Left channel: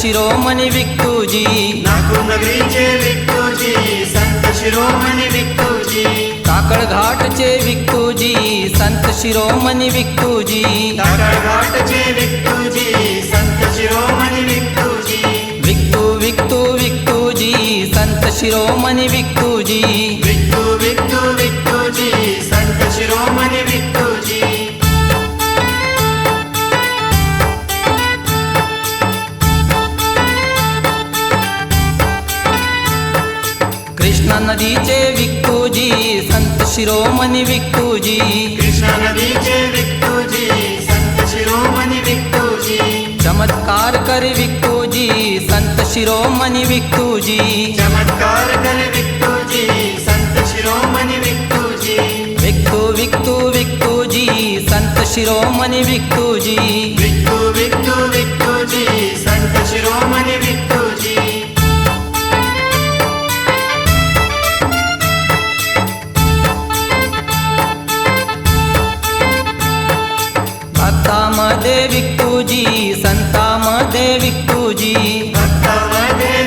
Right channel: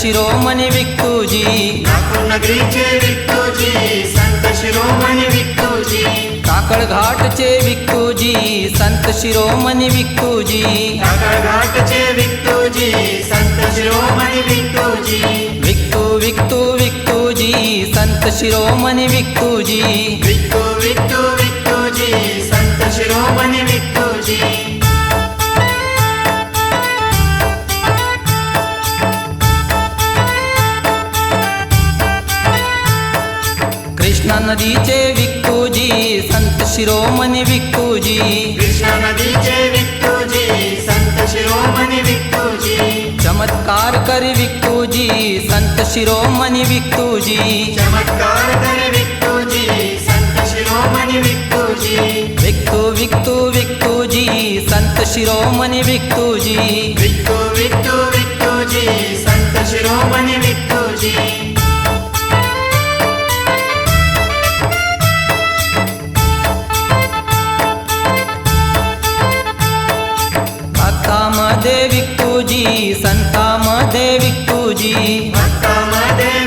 शिरोमणी विक्तूजी, नागपूर नगरीचे विक्तूजी, संत शिरोमणी विक्तूजी, टाकळघाटचे विक्तूजी, संत शिरोमणी विक्तूजी, टाकळघाटचे विक्तूजी, संत शिरोमणी विक्तूजी, विक्तू विक्तू विक्तूजी, संत शिरोमणी विक्तूजी, विक्तू विक्तू विक्तूजी, संत शिरोमणी विक्तूजी, कृष्णा नदीचे विक्तूजी, संत शिरोमणी विक्तूजी, कृष्णा नदीचे विक्तूजी, संत शिरोमणी विक्तूजी, चमत्कार कर विक्तूजी, संत शिरोमणी विक्तूजी, चमत्कार कर विक्तूजी, संत शिरोमणी विक्तूजी, विक्तू विक्तू विक्तूजी, संत शिरोमणी विक्तूजी, विक्तू विक्तू विक्तूजी, संत शिरोमणी विक्तूजी, भक्तामध्ये विक्तूजी, संतामध्ये विक्तूजी, भक्तामध्ये